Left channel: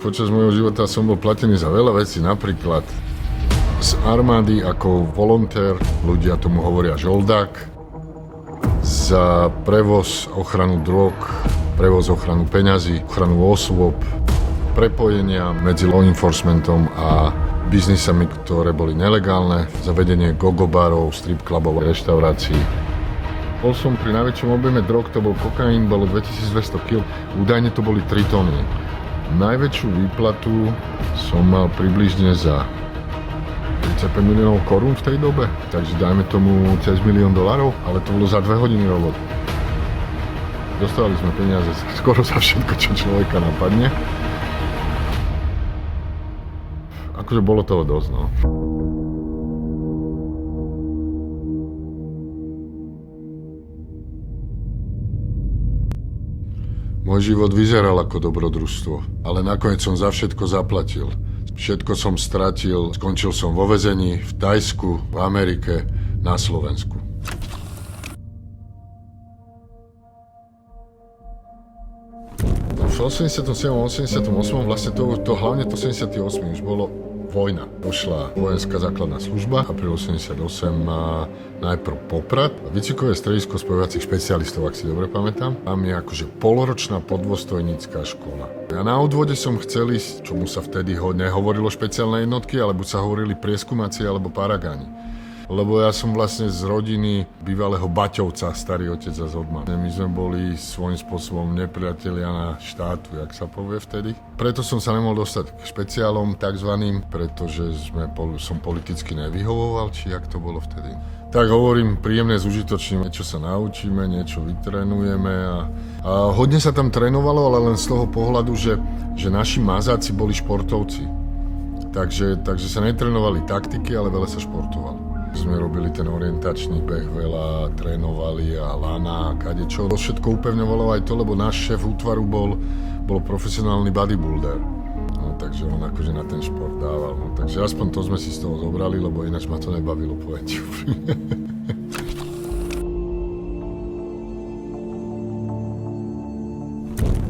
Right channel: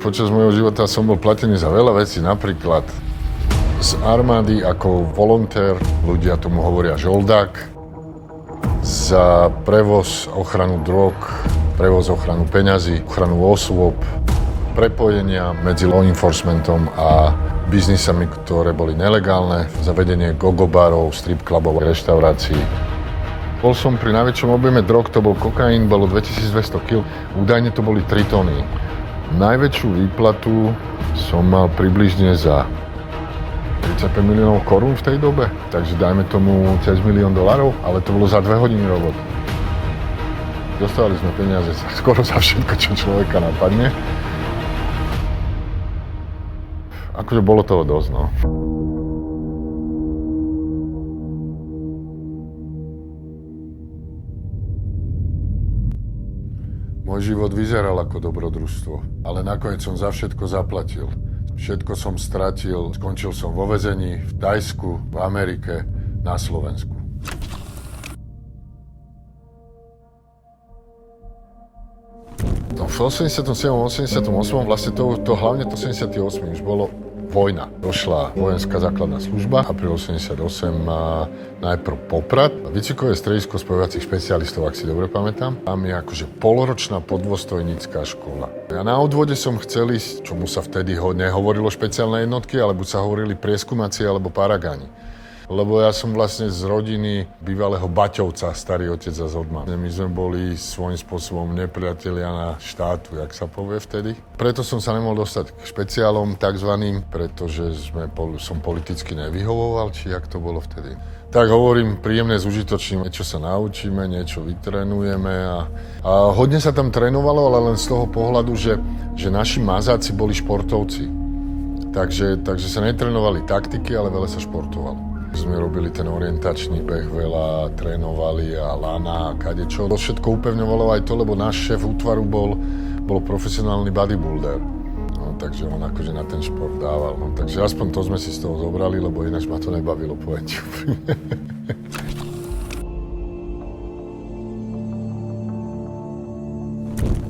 Počas môjho života som bol platený za veľa vecí, napríklad z armády ako volontér, ľudia tomu hovoria žoldák, za prevoz, ochranu drog, prevoz, ochranu peňazí, ochranu osôb, prepojenia medzi law enforcementom a biznisami, ktoré boli nelegálne, zavedenie gogobarov, strip clubov, reštaurácií. Bol som pri najväčšom objeme drog, to bol kokain, bolo 2200 kg, údajne to boli 3 tony. Najväčšiu výplatu som mal približne za 35 miliónov korún v tej dobe, takže dajme tomu cez $1 000 000, ale to bolo za 2 hodiny roboty. Dostali sme peniaze skoro za všetko, čo človeka napadne. Akože bolo toho dosť, no. Môj život vyzeral ako dobrodružstvo, ale nakoniec som za všetko zaplatil. Všetko som stratil, skončil som vo väzení, v Thajsku, v Amerike, na Slovensku. V 87. 88. vlastne to hlavne to 78. už bolo vojna. Došla vojenská základná služba, apríl 88 má najprv Poprad, výcvikové stredisko spojovacích špecialistov, ak si dobre pamätám. Tam je akože poloročná podôstojnícka škola. Ja na odvode som chcel ísť, čomu sa vtedy nehovorilo špeciálne jednotky, alebo sa hovorili prieskumacie alebo paragáni. Lebo ja som vlastne z rodiny bývalého Baťovca, starý otec a Zodman. My sme boli svojím spôsobom nepriatelia na štátu, jak sa povie vtedy. Preto som sa nemohol dostať k špeciálom takzvaným, pretože som politicky nevyhovoval, či jak to bolo vtedy. Tak hovorím, príjemné s užitočným, niečo sa naučíme, niečo vytrénujeme a hodne sa tam trénovalo, ale len z toho pohľadu, že naši mazáci boli športovci. Takže sa netrénovali taktiky, ale veľa sa športovalo. Sme robili ten orientačný beh, veľa trénovali a lana a kadečo. To všetko upevňovalo aj to, lebo náš šéf útvaru bol profesionálny bodybuilder. No, takže on akože na ten šport dával. No, takže aspoň to sme si z toho zobrali, lebo ináč ma to nebavilo, povedť.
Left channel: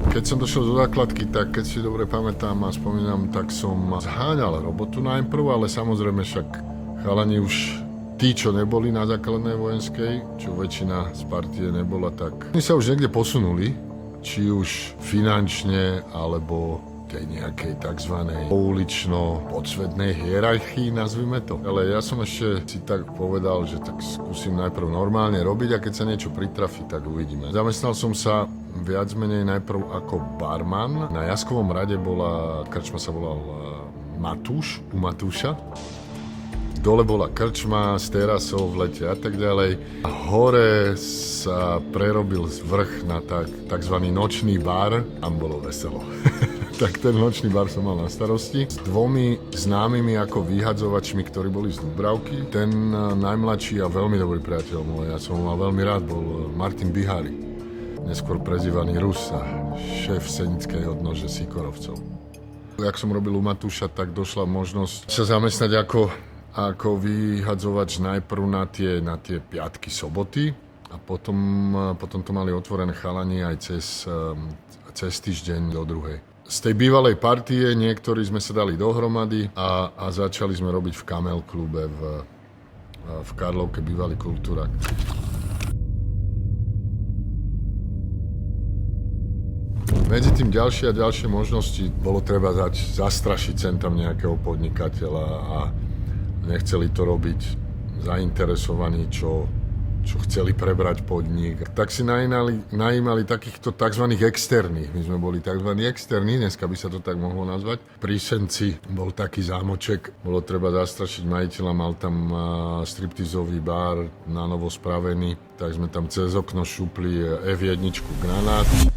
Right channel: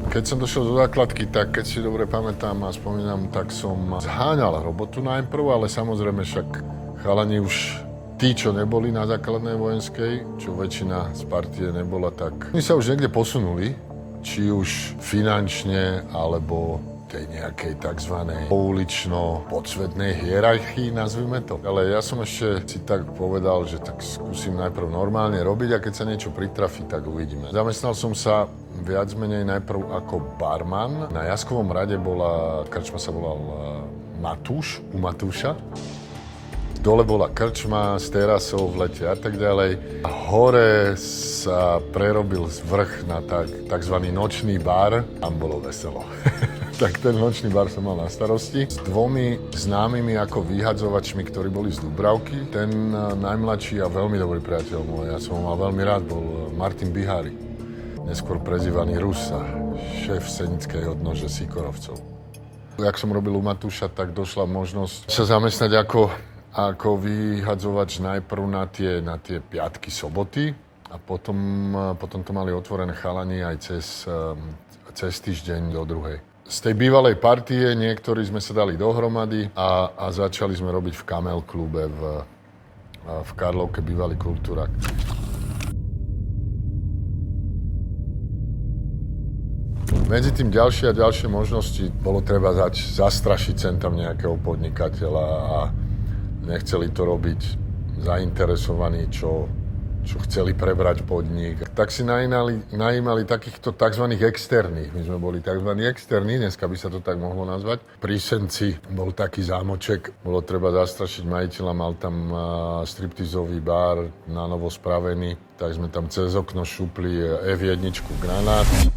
Keď som došiel do základky, tak keď si dobre pamätám a spomínam, tak som zháňal robotu najprv, ale samozrejme však chalani už tí, čo neboli na základnej vojenskej, čo väčšina z partie nebola, tak my sa už niekde posunuli, či už finančne, alebo tej nejakej takzvanej poulično-podsvetnej hierarchii, nazvime to. Ale ja som ešte si tak povedal, že tak skúsim najprv normálne robiť a keď sa niečo pritrafi, tak uvidíme. Zamestnal som sa viac menej najprv ako barman. Na Jaskovom rade krčma sa volal Matúš, u Matúša. Dole bola krčma s terasou v lete a tak ďalej. A hore sa prerobil vrch na takzvaný nočný bar. Tam bolo veselo. Tak ten nočný bar som mal na starosti. S 2 známymi ako vyhadzovačmi, ktorí boli z Dubravky. Ten najmladší a veľmi dobrý priateľ môj, ja som ho mal veľmi rád, bol Martin Bihari. Neskôr prezývaný Rusa, šéf senickej odnože Sikorovcov. Jak som robil u Matúša, tak došla možnosť sa zamestnať ako vyhadzovač najprv na tie piatky, soboty a potom to mali otvorené chalani aj cez týždeň do druhej. Z tej bývalej partie niektorí sme sa dali dohromady a začali sme robiť v Kamel klube v Karlovke, bývalý Kultúrak. Medzi tým ďalšie a ďalšie možnosti bolo treba zastrašiť sem tam nejakého podnikateľa a nechceli to robiť zainteresovaní, čo chceli prebrať podnik. Tak si najímali takýchto tzv. Externých. My sme boli tzv. Externí, dneska by sa to tak mohlo nazvať. Pri Senci bol taký zámoček, bolo treba zastrašiť majiteľa, mal tam striptizový bar na novo spravený, tak sme tam cez okno šupli F1 granáty.